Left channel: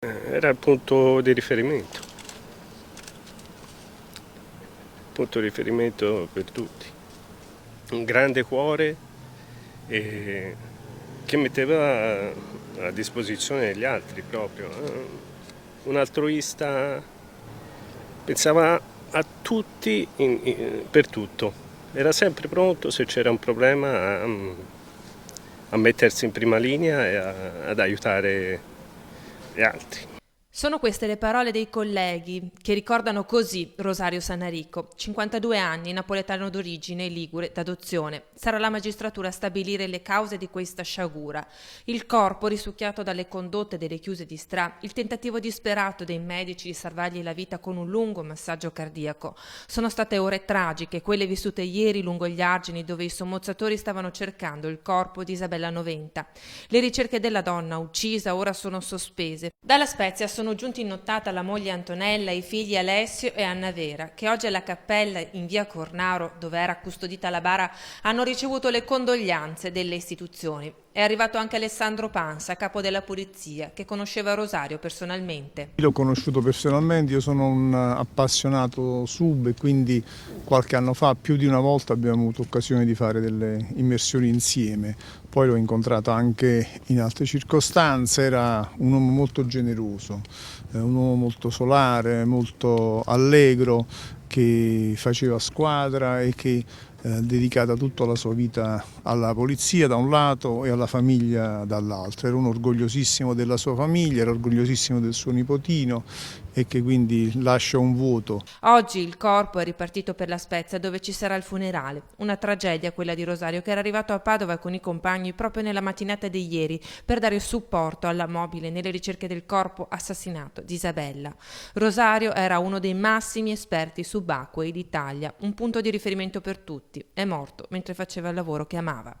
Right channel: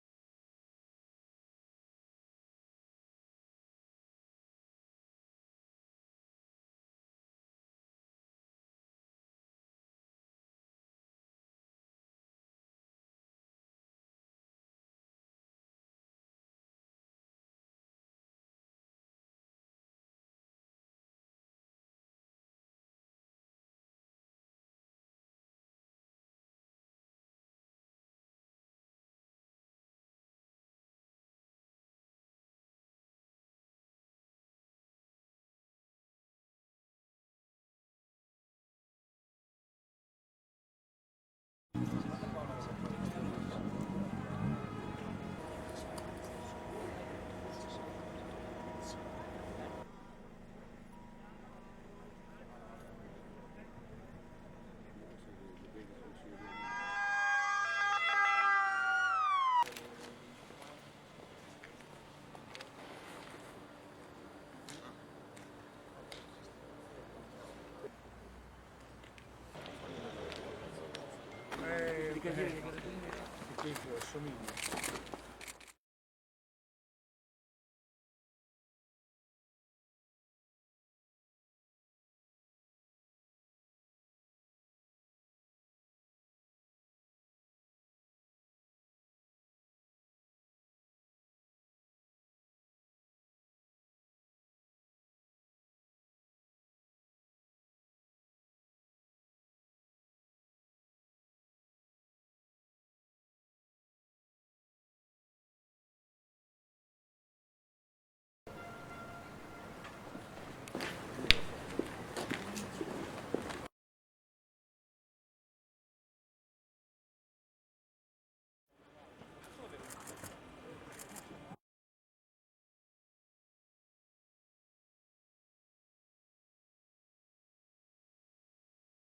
Era il punto di riferimento per tutti. Un grande cuore che metteva a disposizione degli altri proprio. Un altruista, pensava a tutti per tutto. Era sempre pronto se c'era un problema a mettersi in prima linea e ad aiutare gli altri. Sono queste le parole dei colleghi che ricordano così Rosario Sannarico, 52 anni, napoletano d'origine, ligure d'adozione. Sarà la magistratura a stabilire le cause di questa sciagura. Il corpo risucchiato dalle condotte delle chiuse di Stra, il tentativo disperato dei medici di salvargli la vita con un lungo massaggio cardiaco. Sono state ore tragiche, quelle vissute ieri lungo gli argini dove i sommozzatori stavano cercando il corpo di Isabella Noventa. Le ricerche della donna uccisa ora sono sospese. Dalla Spezia sono giunti in nottata la moglie Antonella, i figli Alessio e Anna Vera, che oggi alla cappella in via Cornaro, dove era custodita la bara, hanno ricevuto le condoglianze delle istituzioni. È arrivato anche Alessandro Pansa, capo della polizia, che conosceva Rosario personalmente. L'ho conosciuto personalmente, io sono un appassionato sub e quindi qualche anno fa, più di una volta, abbiamo avuto occasione di fare delle immersioni insieme. Poi l'ho incontrato anche in altre circostanze, era un uomo molto generoso, un uomo molto solare, molto allegro, che faceva squadra e che dedicata tutta la sua vita alla polizia da un lato e alla famiglia dall'altro. Era un orgogliosissimo della sua famiglia, era orgogliosissimo del suo nipotino e che quindi lascia un vuoto. Oggi il corpo è ripartito per la Spezia dove ci sarà il funerale. Una tragedia quella di Rosario che era arrivato a Padova con i compagni proprio nella mattinata di ieri per dare supporto alla mobile nelle ricerche del corpo assassinato di Isabella. Rosario era uno dei massimi esperti subacquei d'Italia, un punto di riferimento per tutti. È morto mentre faceva il lavoro che amava.